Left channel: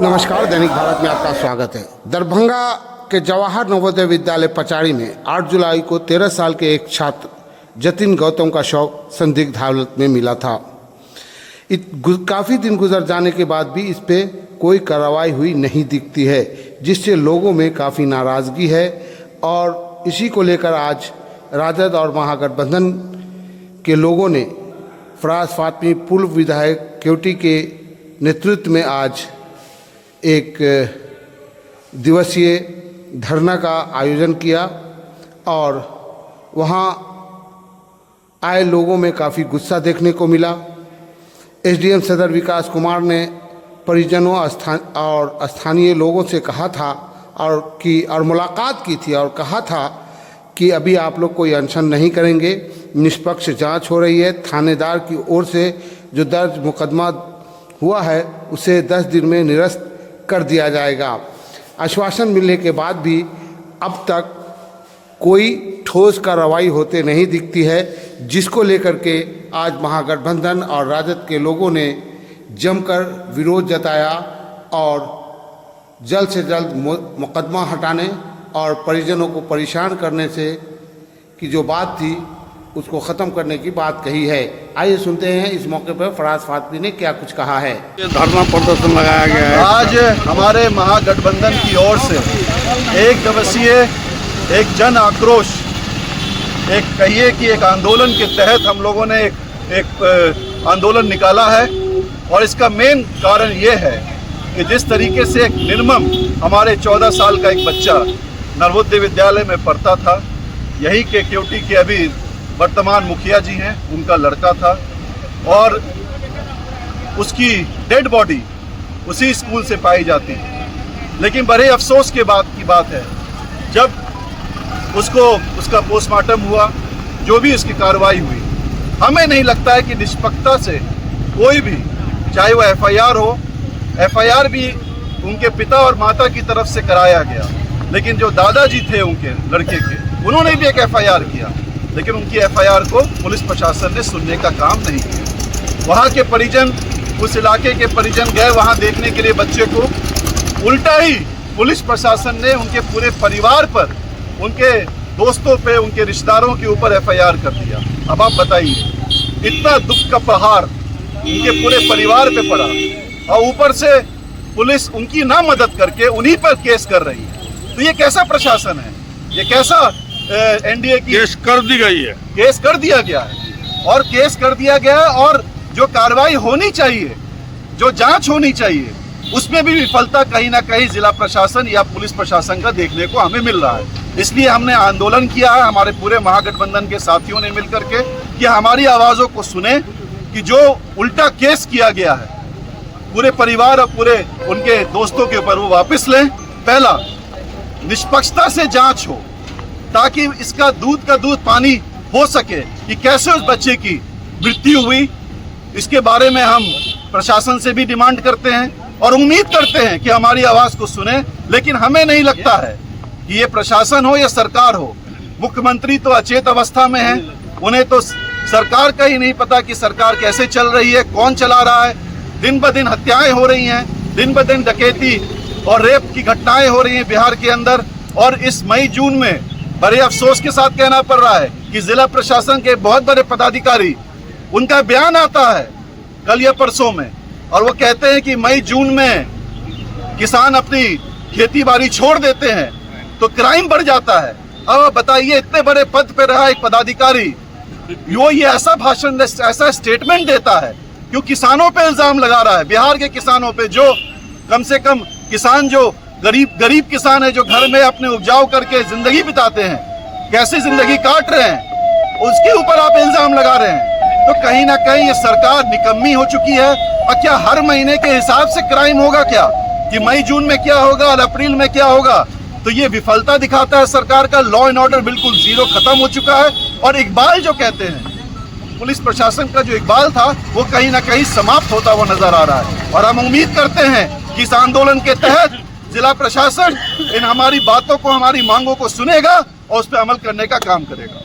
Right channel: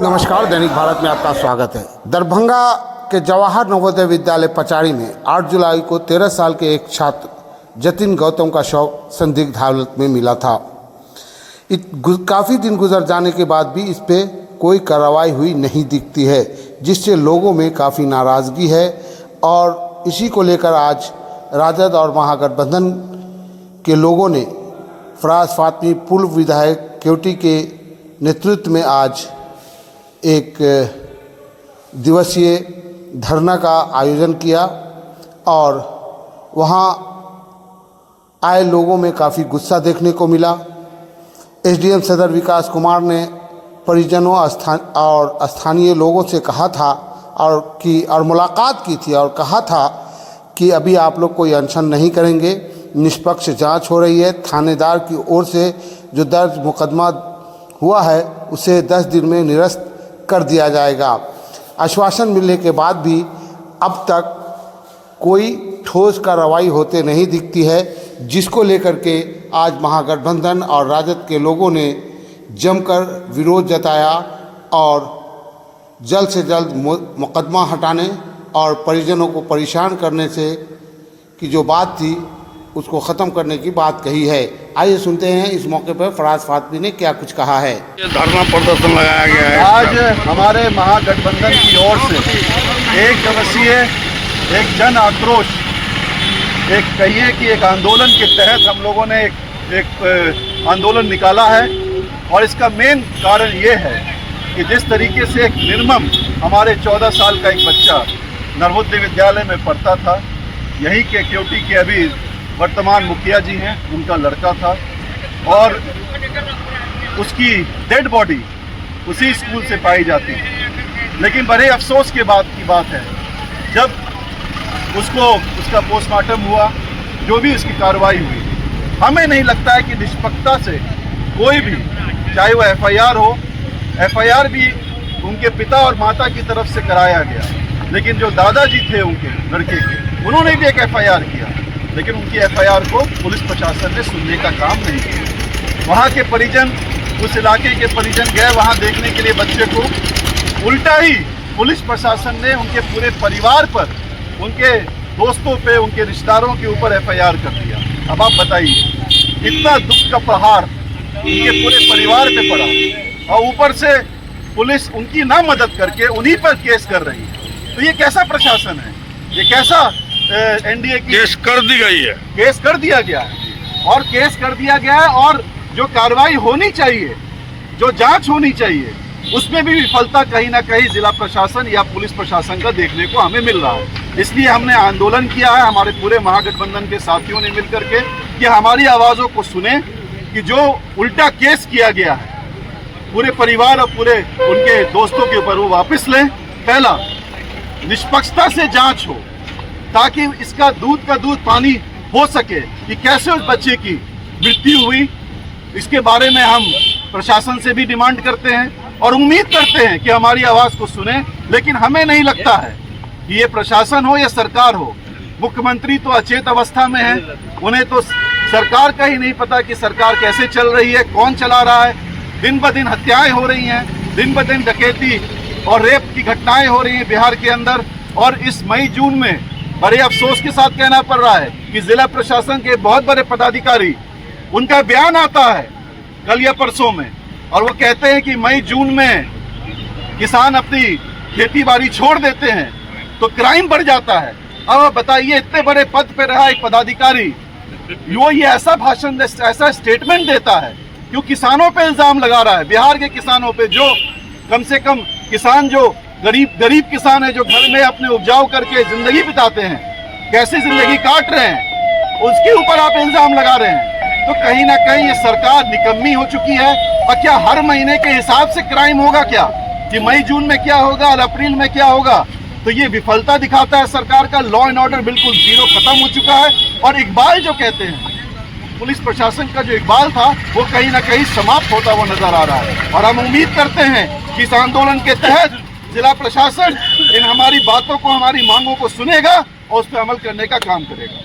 नमस्कार, दैनिक भारत में आपका स्वागत है। दरभंगा के जवाहर नवोदय विद्यालय पचाड़ी में 8 जुलाई को 13 साल के एक छात्र जतिन गौतम का शव संदिग्ध हालत में मिला था। काफ़ी दिन गुजर जाने के बाद भी इस पे कोई कार्रवाई हुई नहीं दिखती है, जिससे लोगों में काफ़ी नाराज़गी है। और इसी को लेकर आज राजद और महागठबंधन के लोगों ने फराज फातमी पूर्व विधायक केवटी के नेतृत्व में आज एक दिवसीय धरना का आयोजन किया और वहाँ आए लोगों में काफ़ी गुस्सा देखने को मिला। एसडीएम सदर विकास कुमार ने परिजनों और स्थानीय लोगों से कहा था और मुलाकात की थी और कहा था कि अभी आप लोग कोई अनशन नहीं करेंगे, निष्पक्ष जांच हो रही है। थानेदार की ओर से जो दर्ज मुकदमा हुआ है उसे 10 दिन में निरस्त कर दिया जाएगा। आश्वासन मिलने के बाद भी अब तक कोई ठोस कार्रवाई होते नहीं दिखती है, जिसको लेकर के आज महागठबंधन और राजद के लोगों ने जमकर विरोध जताया और जल्द से जल्द मुकदमा हटाने और परिजनों को परेशान करने से की जो बात थी उसको ख़त्म करने की बात कही है। आइए सुनते हैं इस मौके पर फराज फातमी ने क्या कुछ कहा है। धरना प्रदर्शन लगाया गया है। आज हमारे महागठबंधन की ओर से एक दिवसीय एक जन आक्रोश, एक कहिए कि एक आंदोलन के तहत हम लोगों ने एक आंदोलन निकाला है। और इसका मेन कारण ये है कि जिस तरीके से एक निर्मम हमारे 14 साल का एक बच्चा नवोदय विद्यालय में पढ़ता था, यही के केवटी के अभी वर्तमान मुखिया जी हैं, उनका लड़का था और उसकी डेड बॉडी उसी स्कूल से पाई जाती है। लेकिन बड़े अफसोस के बाद की बात है, जब उसका पोस्टमार्टम हुआ, जो भी इसकी कार्रवाई हुई, हमें नहीं लगता है कि निष्पक्षता से कोई भी, चाहे वो एफआईआर भी उनके पिता और माता की तरफ से कराया गया, लेकिन जो दादाजी थे उनके लड़के के, उन्होंने भी एक एफआईआर किया, लेकिन उनकी एफआईआर को पुलिस प्रशासन ने सुनने का काम नहीं किया। वहाँ के परिजन, उस इलाके के परिजन गए वहाँ देखने के लिए बच्चे को, उल्टा ही पुलिस प्रशासन ने उनके पूरे परिवार पर, उनके दोस्तों पे, उनके रिश्तेदारों के ऊपर एफआईआर कर दिया। अब आप बताइए, इतना दुख का प्रहार उनके पूरे परिवार पे पड़ा और ऊपर से पुलिस उनकी ना मदद करके उन्हीं पर केस कर रही है। तो ये कैसा प्रशासन है? ये कैसा एनडीए की? केस कर दी गई है, केस कर दिया गया है और केस कर दिया गया है और जो कार्रवाई होनी चाहिए, जो जांच होनी चाहिए, उसमें भी विफलता कहीं ना कहीं जिला प्रशासन या पुलिस प्रशासन का देखने को हमें मिल रहा है। इसलिए हमने आंदोलन किया है, हमारे पूरे महागठबंधन के साथियों ने मिलकर के, कि हमारी आवाज़ों को सुने कि जो उल्टा केस किया गया है पूरे परिवार और पूरे उनके दोस्तों के ऊपर, वो वापस लें। पहला, निष्पक्षता से जांच हो ताकि इसका दूध का दूध पानी हो सके कि कैसे उस बच्चे की मृत्यु हुई। इसके बारे में हम प्रशासन से भी डिमांड करते हैं और उम्मीद करते हैं कि हमारी आवाज़ को सुने। लेकिन हमें नहीं लगता है कि ये प्रशासन हो या सरकार हो, मुख्यमंत्री तो अचेत अवस्था में है, उन्हें तो सरकार का ही नहीं पता कि सरकार कैसे चल रही है, कौन चला रहा है। दिन ब दिन हत्याएं हो रही हैं, दिन ब दिन डकैती और रेप की घटनाएं हो रही हैं बिहार के अंदर। और इस मई जून में बड़े अफसोस के साथ कहना पड़ रहा है कि जिला प्रशासन के बहुत बड़े पदाधिकारी, उनका बयान आता है कल या परसों में, और वो कहते हैं कि मई जून में किसान अपनी खेती बाड़ी छोड़ देते हैं तो क्राइम बढ़ जाता है। अब बताइए, इतने बड़े पद पे रहा एक पदाधिकारी वो ये ऐसा भाषण, ऐसा स्टेटमेंट देता है, क्यों किसानों पे इल्जाम लगा रहा है, बिहार के किसानों पे, जो कम से कम किसान, जो गरीब किसान है, जो घर में अपने उपजाऊ करके जिंदगी बिताते हैं, कैसे जिंदगी काट रहे हैं, उसके ऊपर आप इल्जाम लगा रहे हैं। तो कहीं ना कहीं ये सरकार निकम्मी हो चुकी है। और क्या हर महीने के हिसाब से क्राइम होगा क्या, कि मई जून में क्या होगा और अप्रैल में क्या होगा? तो ये विफलता दिखाता है सरकार का। लॉ एंड ऑर्डर बिल्कुल जीरो खत्म हो चुका है। और इकबाल जो कहते हैं, पुलिस प्रशासन का जो इकबाल था, वो कहीं ना कहीं समाप्त होता हुआ नजर आ रहा है। और हम उम्मीद करते हैं कि इस आंदोलन के तहत जिला प्रशासन इन हमारी बातों को, हमारी मांगों को सुनेगा और उस पर अमल करने का काम करेगा।